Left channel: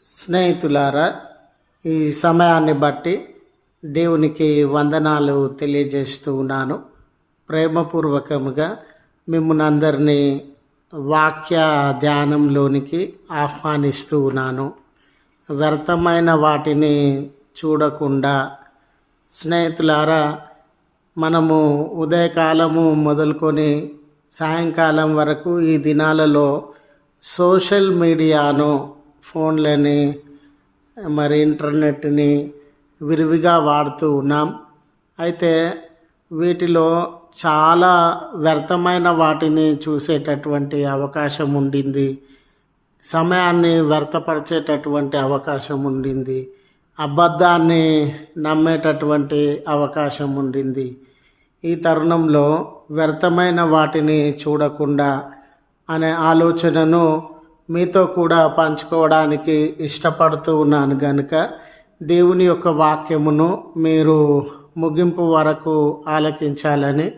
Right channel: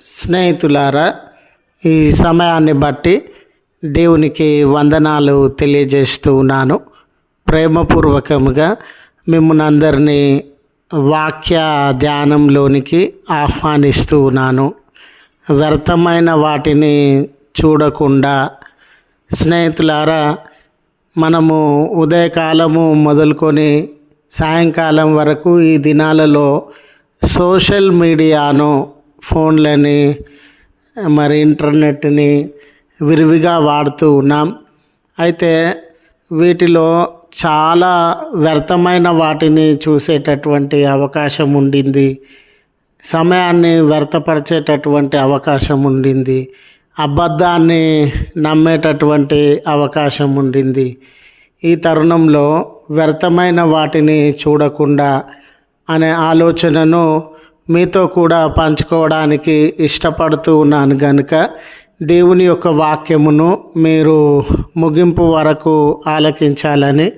స్నేహితులారా ఈ సమయాన్ని బట్టి దేవునికి వందనాలు తెలియజేస్తూ ఉన్నాను. ప్రేమపూర్వకముగా మిమ్మల్ని అందరినీ వాక్య ధ్యానంలోనికి ఆహ్వానిస్తూ ఉన్నాను. వ్యర్థమైన వాటిని చూడకుండా స్నేహితులారా మనము ఉదయకాలము మొదలుకొని సాయంకాలం వరకు ఈ దినాలలో సోషల్ మీడియాను ఫోన్లని మరి ఇంటర్నెట్ని విరివిగా వాడుతూ ఉన్నాం. అయితే వీటిలో చాలా వ్యర్థమైన వాటిని చూసేటటువంటి అవకాశం ఉండింది. సమయాన్ని వ్యర్థపరిచేటటువంటి అవకాశం ఉండింది. అబద్ధాన్ని నమ్మేటటువంటి అవకాశం ఉండింది. ఈ తరుణంలో వ్యర్థమైన వాటిని చూడకుండా అనే ఆలోచనను మీతో కూడా పంచుకోవడానికి ఇష్టపడుతూ ఉన్నాను కనుక దేవుని యొక్క వాక్యమును మీరు ముగింపు వరకు ఆలకించాలని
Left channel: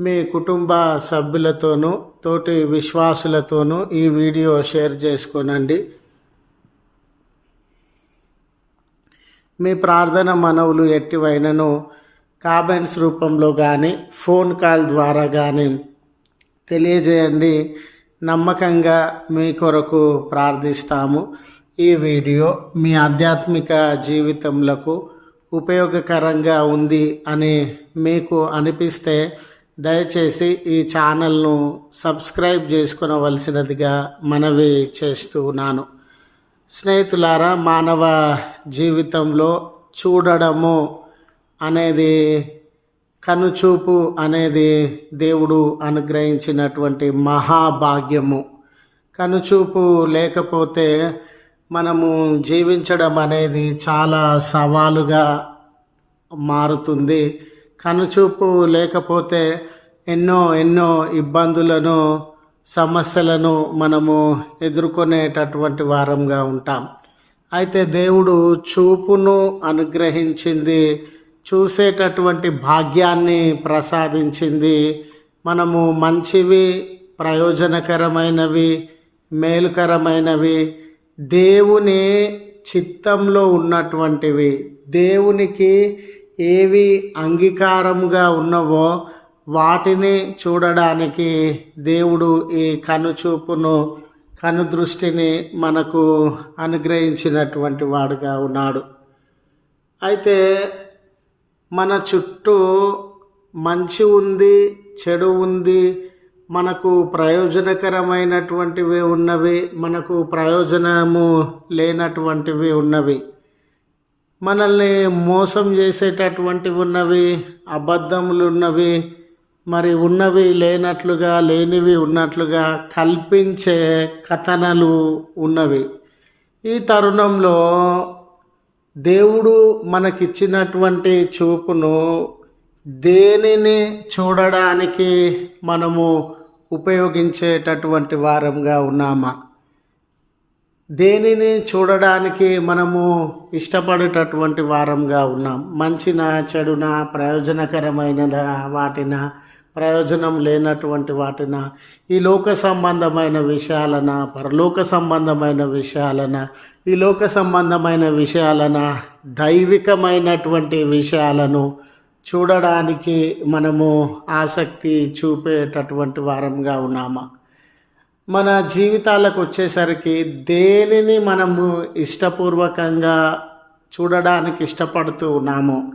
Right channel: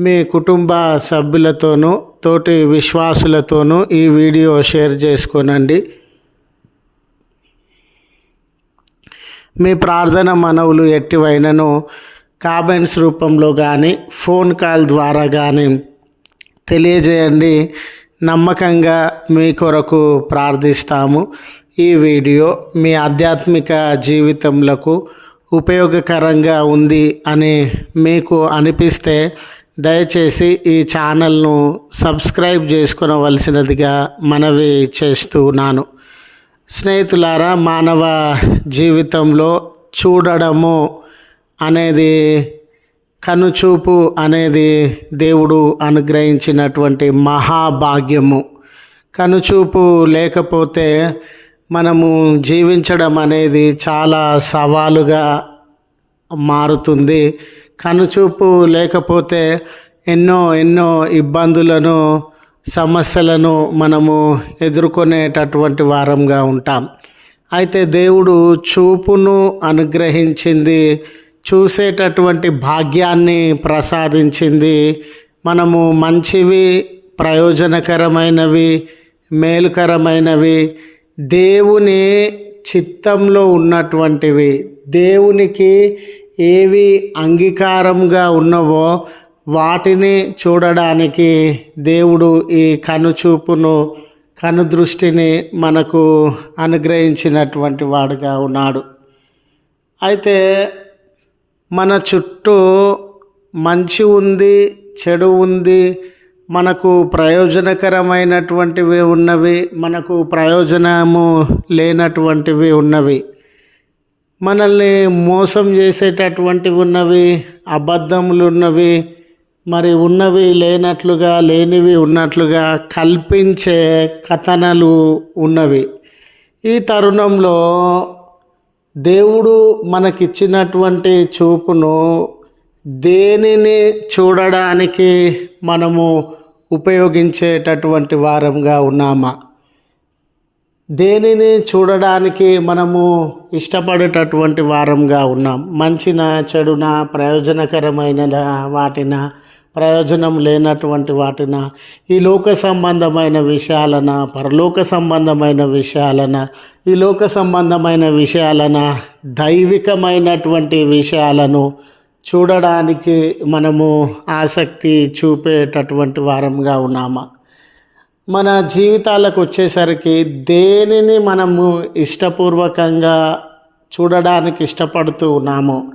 మీ కుటుంబ సభ్యులతోనూ తోటి విశ్వాసులతోనూ ఈ వీడియో షేర్ చేసుకోనండి. మీ ప్రార్థన మనవులు ఎట్టివైనను కామెంట్స్ రూపంలో కానీ ఫోన్ కాల్ ద్వారా కానీ తెలియజేయండి. నమ్మకంగా మీ కొరకు ప్రార్థిస్తాము. ఈ వీడియో మీ ఆధ్యాత్మిక జీవితంలో ఉపయోగకరంగా ఉంది అని మీకు అనిపిస్తే దయచేసి ఈ ఛానల్ను సబ్స్క్రైబ్ చేసుకునవలసినదిగా మనవి చేస్తున్నాను స్నేహితులారా మానవ జీవితంలో చూడడము అనేది కనుచూపు అనేది దేవుడు అనుగ్రహించినటువంటి మహాభాగ్యము. కనుచూపు లేకపోతే మనము జీవించడం అనేది చాలా సవాలుగా మారుతుంది. కనుచూపు లేకపోతే ఎన్నో ఎన్నో ఇబ్బందులను సమస్యలను మనము ఎదుర్కొనేటటువంటి వారంగా ఉంటాం. అయితే దేవుడు చూపును అనుగ్రహించింది చూసేటటువంటి భాగ్యాన్ని ప్రసాదించింది. మనము మంచివి ప్రయోజనకరమైనవి మేలుకరమైనవి. దేవుని చిత్తంలో ఉన్నటువంటివి. దేవునికి ఏవి అంగీకారంగా ఉన్నవో వాటిని చూడడానికి దేవుడు ఈ కనుచూపును కనుదృష్టిని మనకు అనుగ్రహించినటువంటి వాడుగా ఉన్నాడు. అయితే మన చుట్టూ మంచి ఉంది చెడు ఉంది మనకు ప్రయోజనకరమైనటువంటివి ఉన్నవి మనకు ప్రయోజనము లేనటువంటివి ఉన్నవి. మనల్ని మోసం చేసేటటువంటివి ఉన్నవి అబద్ధములు ఉన్నవి మరి ఉన్నవి లేనట్లుగా లేనివి ఉన్నట్లుగా కల్పించే కథనలు ఉన్నవి. ఈ తరుణంలో దేవుడు మనకిచ్చినటువంటి చూపును దేనిని చూడడానికి మనము ఉపయోగించేటటువంటి వారంగా ఉన్నామా? దేనిని చూడడానికి మనము ఇష్టపడేటటువంటి వారంగా ఉన్నాం? మంచిన చెడున ప్రయోజనకరమైన వాటిన ప్రయోజనం లేనటువంటి వాటిన ఈ లోక సంబంధమైన విషయాలన పరలోక సంబంధమైన విషయాలన ఈ లోక సంబంధమైన విషయాలన దైవికమైనటువంటి విషయాలను చూడడానికి మనము ఆసక్తి చూపేటటువంటి వారంగా ఉన్నామా? మన జీవితాలకు వచ్చేసరికి దేనిని మనము ఇష్టపూర్వకంగా చూడడానికి ఇష్టపడుతూ ఉన్నాము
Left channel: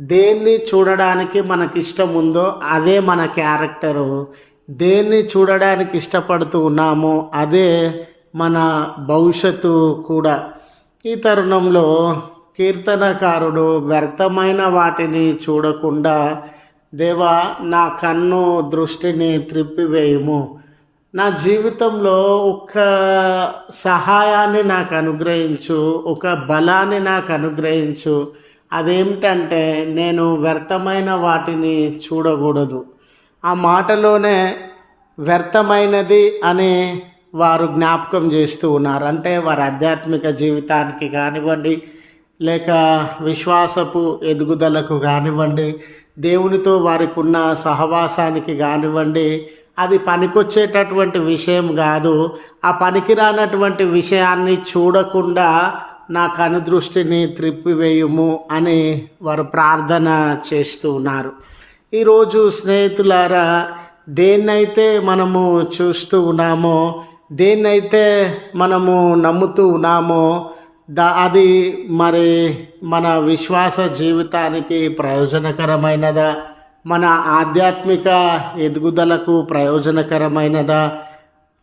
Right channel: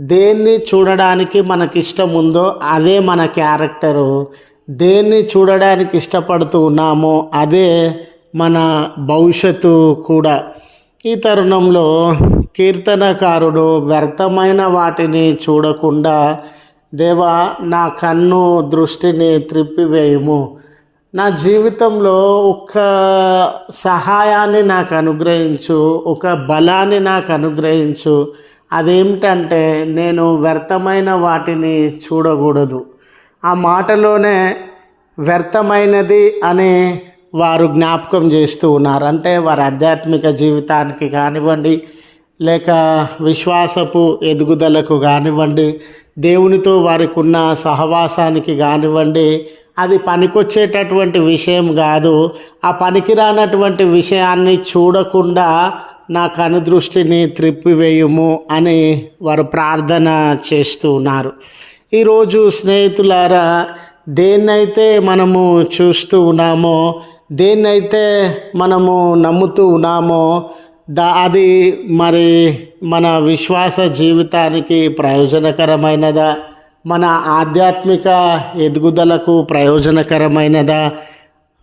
దేన్ని చూడడానికి మనకి ఇష్టం ఉందో అదే మన క్యారెక్టరు దేన్ని చూడడానికి ఇష్టపడుతూ ఉన్నామో అదే మన భవిష్యత్తు కూడా. ఈ తరుణంలో కీర్తనకారుడు వ్యర్థమైన వాటిని చూడకుండా దేవా నా కన్ను దృష్టిని త్రిప్పివేయము. నా జీవితంలో ఒక సహాయాన్ని నాకు అనుగ్రహించు ఒక బలాన్ని నాకు అనుగ్రహించు. అదేమిటంటే నేను వ్యర్థమైన వాటిని చూడకూడదు. ఆ మాటలోనే వ్యర్థమైనది అనే వారు జ్ఞాపకం చేస్తూ ఉన్నారు. అంటే వారి ఆధ్యాత్మిక జీవితానికి కానివ్వండి లేక విశ్వాసపు ఎదుగుదలకు కానివ్వండి దేవునితో వారికి ఉన్న సహవాసానికి కానివ్వండి అది పనికొచ్చేటటువంటి విషయం కాదు. ఆ పనికిరానటువంటి విషయాన్ని చూడకుండా నా కనుదృష్టిని త్రిప్పివేయుము అని వారు ప్రార్థన చేస్తూ ఉన్నారు. ఈరోజు స్నేహితులారా దేన్నైతే మనము చూస్తూ ఉన్నామో దేన్నైతే మనము నమ్ముతూ ఉన్నామో దా అది మరి మన విశ్వాస జీవితానికి ప్రయోజనకరమైనదా? మన ఆధ్యాత్మిక ఎదుగుదలకు ప్రయోజనకరమైనదా?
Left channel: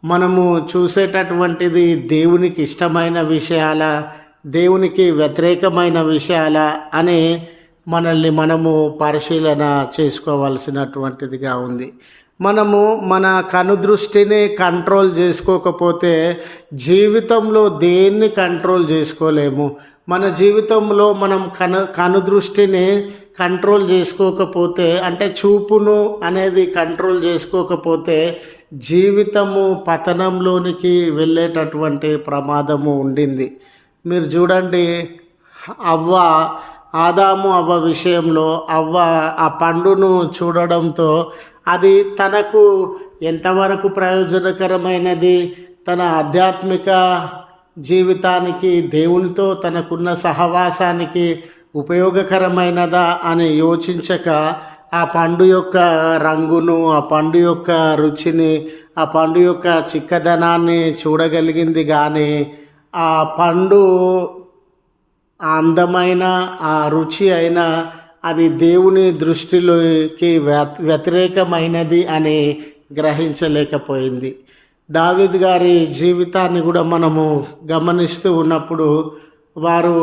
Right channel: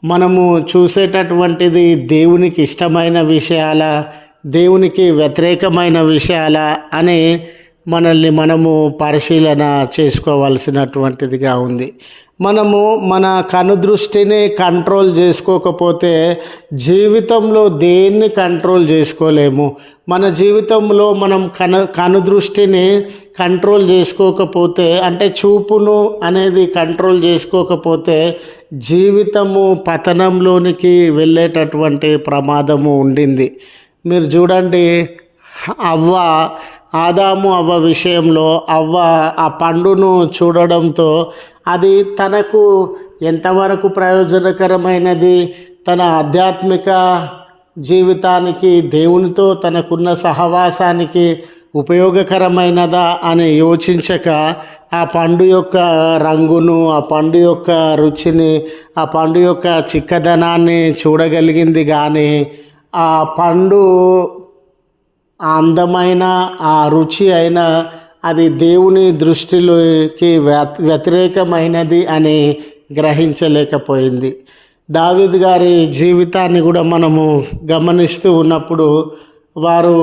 మనము చూసేటటువంటిది దేవునికి ఇష్టమైన విషయాల? దేవునికి వ్యతిరేకమైన విషయాల? అని మనల్ని మనము పరిశీలన చేసుకోవాల్సినటువంటిదిగా ఉంది. మనము మన కనుదృష్టిని కంట్రోల్ చేసుకోకపోతే జీవితంలో దేన్ని కంట్రోల్ చేసుకోలేము? మన జీవితంలో మనం కను కనుదృష్టిని కంట్రోల్ చేసుకోకపోతే అంటే చూపును అనేది కంట్రోల్ చేసుకోకపోతే జీవితము పతనంలోనికి వెళ్ళేటటువంటి ప్రమాదము ఉండింది. మీరు చూడండి అవ్వ ఆదాము అవ్వ విషయంలో అవ్వ ఆ పండును చూడడంతో అది తనకు ఎంతవరకు ప్రయోజనకరమైనది? తన ఆధ్యాత్మిక జీవితానికి దేవునితో తనకున్న సహవాసానికి ఉపయోగకరమైనదా అని యోచించక ఆ పండు యొక్క రంగును ఆ పండు యొక్క రుచిని ఆ పండు యొక్క చిక్కదనాన్ని చూడగలిగింది కానీ ఆ పండు ఆ అందమైన ఆ రుచి అయిన అది దేవుని దృష్టిలోకి వ్యతిరేకమైనది అని గ్రహించలేకపోయింది. దావిద్ గారి జీవితాన్ని కూడా మనము గమనిస్తూ ఉన్నప్పుడు వారు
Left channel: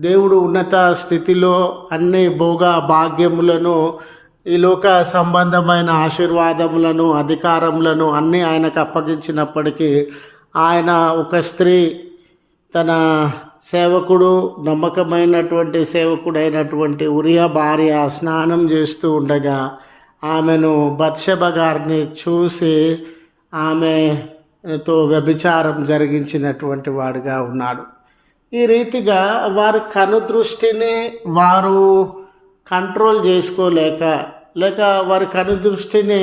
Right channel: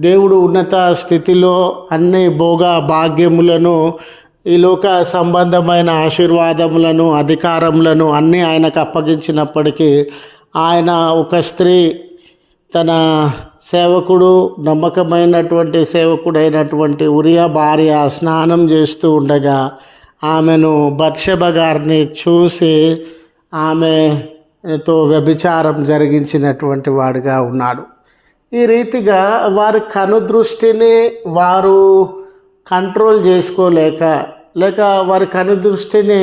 దేవుడు ఉన్నత స్థితిలో అన్ని భోగ భాగ్యములను ఈ లోక సంబంధమైన ఆశీర్వాదములను అధికారములను అన్నీ ఆయనకు అప్పగించినప్పటికీ ఆయన ఒక స్త్రీ తన సేవకుడు నమ్మకమైనటువంటి సేవకుడైనటువంటి ఉరియా భార్య స్నానం చేస్తూ ఉండగా ఆమెను బత్షబ గారిని చూసి ఆమెతో వ్యభిచారం జరిగించినటువంటి వాడిగా ఉన్నాడు. ఈ రీతిగా వారి కనుదృష్టిని వారు కంట్రోల్ చేసుకోలేక లేక వారి కనుదృష్టిని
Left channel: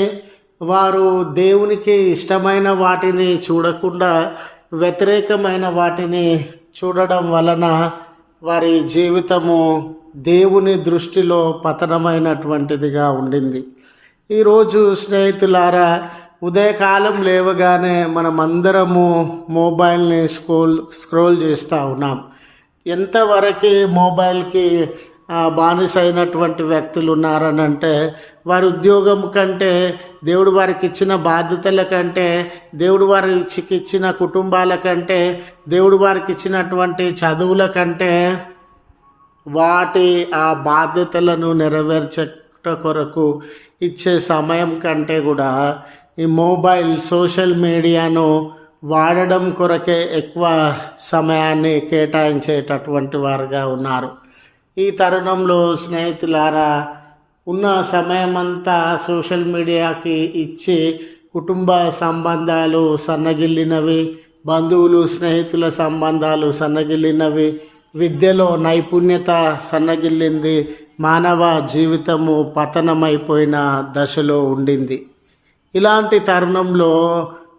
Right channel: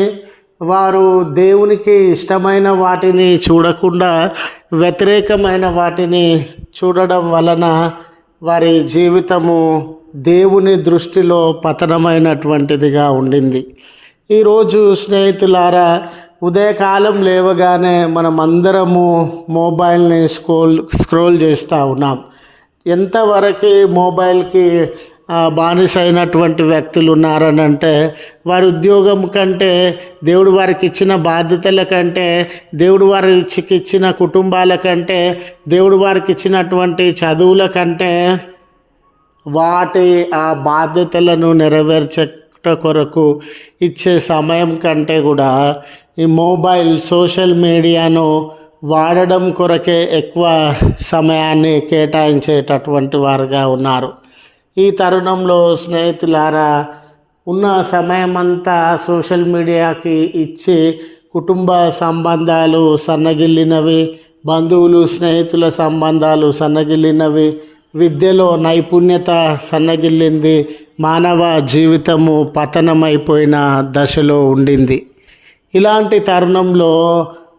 వారు దేవునికి ఇష్టమైన వాటిని చూడకుండా వ్యతిరేకమైన వాటిని చూడడం వలన వారి జీవితము దేవుని దృష్టిలో పతనమైనటువంటిదిగా ఉండింది. ఈరోజు స్నేహితులారా ఉదయకాలం లేవగానే మనమందరము మొబైల్ని స్క్రోల్ స్క్రోల్ చేస్తూ ఉన్నాం. ఎంతవరకు మొబైల్కి బానిస అయినటువంటి వ్యక్తులు ఉన్నారని అంటే వారి ఉద్యోగం కంటే దేవుడు వారికి ఇచ్చిన బాధ్యతల కంటే దేవుడు వారికి ఇచ్చిన కుటుంబాల కంటే దేవుడు వారికి ఇచ్చినటువంటి చదువుల కంటే వాటి ఆ బాధ్యతలను నెరవేర్చట కొరకు ఇచ్చే సమయం కంటే కూడా ఈ మొబైల్ సోషల్ మీడియాను వాడడం కొరకే ఎక్కువ సమయాన్ని కేటాయించేటటువంటి వారుగా ఉన్నారు. ఈ తరుణంలో స్నేహితులారా ఉన్న సమయమంతా సోషల్ మీడియాకి ఇచ్చి కుటుంబ సంబంధాలు సన్నగిల్లినవి బంధువులు స్నేహితుల సంబంధాలు సన్నగిల్లినవి విద్యలో నైపుణ్యత సన్నగిల్లింది మానవ జీవితము పతనమైపోయిన దశలో ఉండింది. ఇలాంటి తరుణంలో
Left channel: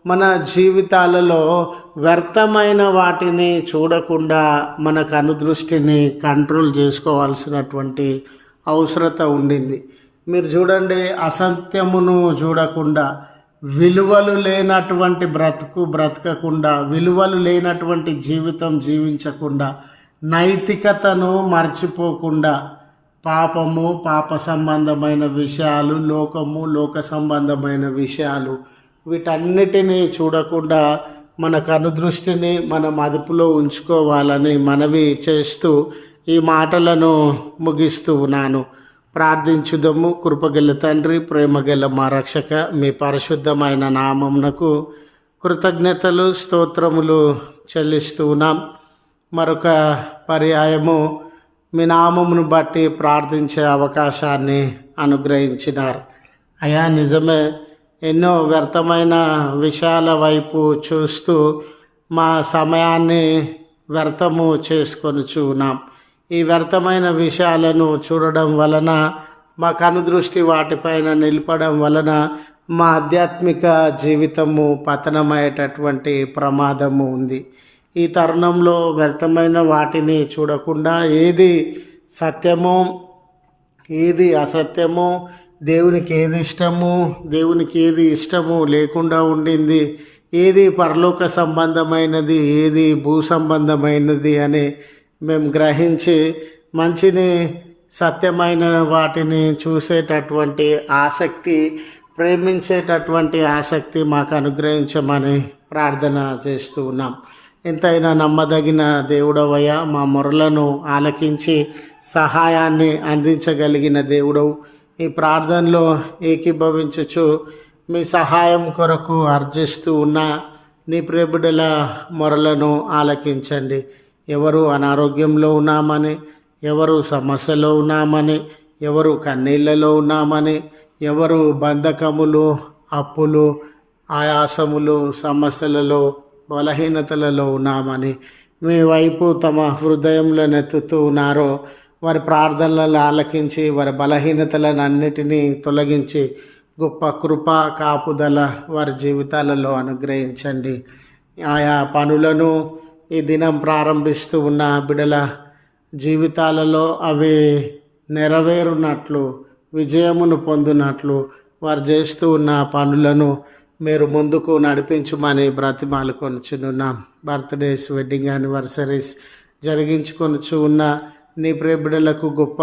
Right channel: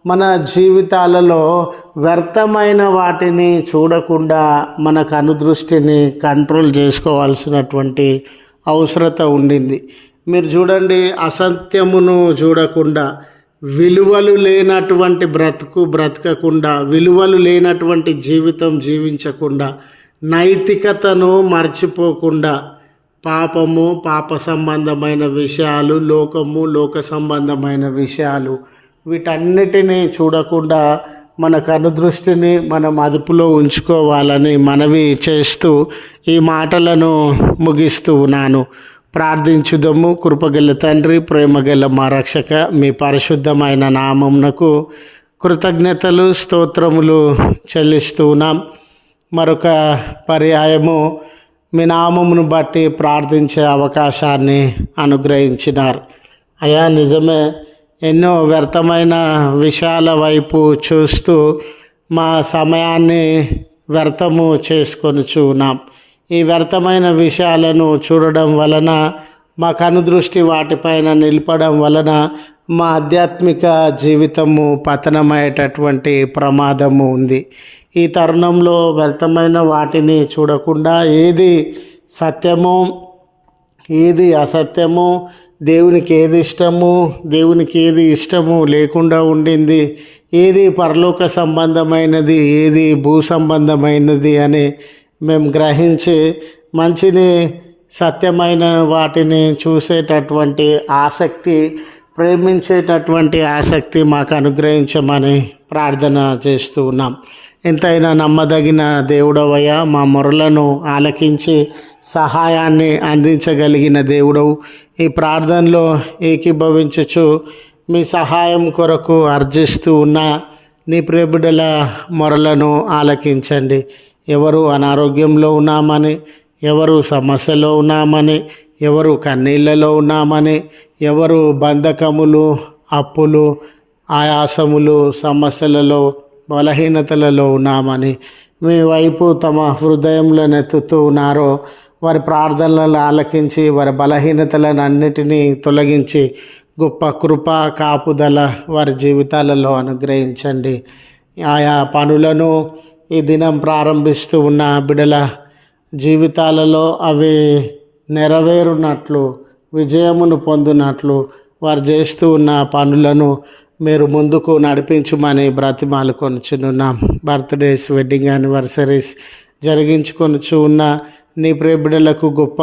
మన జీవితాలలో వ్యర్థమైన వాటిని చూడకుండా మనకు అనుదృష్టిని కంట్రోల్ చేసుకోవాల్సినటువంటి అవసరత ఉండింది. మీరు చూడండి అసత్యమును చూడకుండా విలువలు లేనటువంటి బ్రతుకు బ్రతకకుండా విలువలు లేనటువంటి జీవితం జీవించకుండా నైతికతను మర్చిపోకుండా పాపము పాప సంబంధమైన విషయాలు లోకము లోక సంబంధమైన విషయాలు వీటన్నిటినీ చూడకుండా మన కనుదృష్టిని మనం అదుపులో ఉంచుకోవాలని మనవి చేస్తూ ఈ మాటలను ముగిస్తూ ఉన్నాను. ప్రార్థించుదము. కృపగల తండ్రి ప్రేమగల మా రక్షక మీ పరిశుద్ధమైన నామమునకు కృతజ్ఞతలు స్తోత్రములు చెల్లిస్తూ ఉన్నాం. మరొక పర్యాయము మీ నామమును బట్టి ప్రార్థించే అవకాశాన్ని అనుగ్రహించినారు. అయా నిజమే ఎన్నో వ్యర్థమైన విషయాల వైపు చూస్తూ మా సమయాన్ని వ్యర్థము చేసుకొని చూనాం ఈ వ్యర్థమైన విషయాలను చూడడం వలన మా కనుదృష్టి వాటిపైన నిలపడం వలన మా ఆధ్యాత్మిక జీవితము పతనమయ్యేటటువంటి ప్రమాదము ఉంది. ఈ తరుణంలో వ్యర్థమైన వాటిని చూడకుండా ఏది సత్యమో ఏది అసత్యమో దేవునికి ఏది ఇష్టము? దేవునికి ఏది ఇష్టము లేకుండా ఉండింది? ఏది పరలోక సంబంధమైనది? ఏది భూ సంబంధమైనది అని మేము గ్రహించి మంచిని సత్యమైన వాటిని చూసేటటువంటి ఆసక్తి ప్రేమించేటటువంటి ఆసక్తి మాకు అనుగ్రహించమని ప్రార్థన చేస్తూ ఉన్నాం. ఎంతైనా నమ్మదగిన దేవుడవయ్యా మా మొరలను ఆలకించి సహాయాన్ని అందించగలిగిన దేవుడవు. ఈ ప్రార్థనలో ఏకీభవించచ్చు మీ సహాయం కొరకు అర్జిస్తూ ఉన్న నీ ప్రేబిడల మొరలను ఆలకించండి. ఎవరు అనారోగ్యంలో ఉన్నామని ఎవరు సమస్యలో ఉన్నామని ఎవరు కన్నీళ్ళలో ఉన్నామని ఎవరు బంధకములు అప్పులు ఆయాసములు సమస్యలలో బలహీనతలలో ఉన్నామని మీ వైపు తమ హృదయంలో నెత్తుతూ ఉన్నారో వారి ప్రార్థనలను ఆలకించి వారి బలహీనతలను అన్నిటినీ తొలగించి గొప్ప కృప కాపుదల వారి జీవితాలలో అనుగ్రహించండి. ఆయా పనులను ఈ దినం ప్రారంభిస్తూ ఉన్న బిడల జీవితాలలో అవి నెరవేరునట్లు విజయమును పొందినట్లు వారు చేస్తూ ఉన్న పనులను మీరు ముందుకు నడిపించమని బ్రతిమాలు కొనుచున్నాం బర్త్డేస్ వెడ్డింగ్ యానివర్సరీస్ జరిగించుకొనుచు ఉన్న నీ ప్రేబిడలకు గొప్ప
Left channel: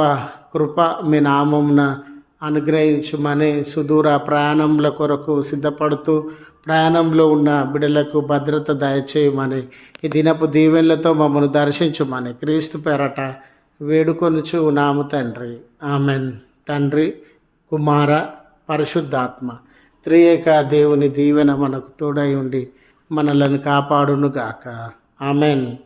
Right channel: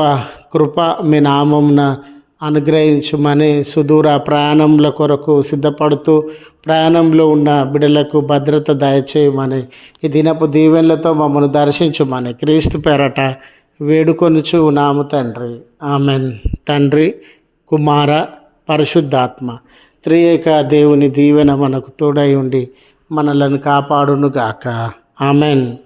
కృప మీ నామమున అనుగ్రహించుమని సుదూర ప్రయాణంల కొరకు సిద్ధపడుతూ ప్రయాణంలో ఉన్న బిడలకు భద్రత దయచేయమని ఈ దినపు దీవెనలతో మమ్మల్ని దర్శించుమని క్రీస్తు పేరట వేడుకొనుచు నాము తండ్రి. ఆమెన్. తండ్రి కుమార పరిశుద్ధాత్మ త్రియేక దేవుని దీవెన మనకు తోడై ఉండి మనలను కాపాడునుగాక. ఆమెన్.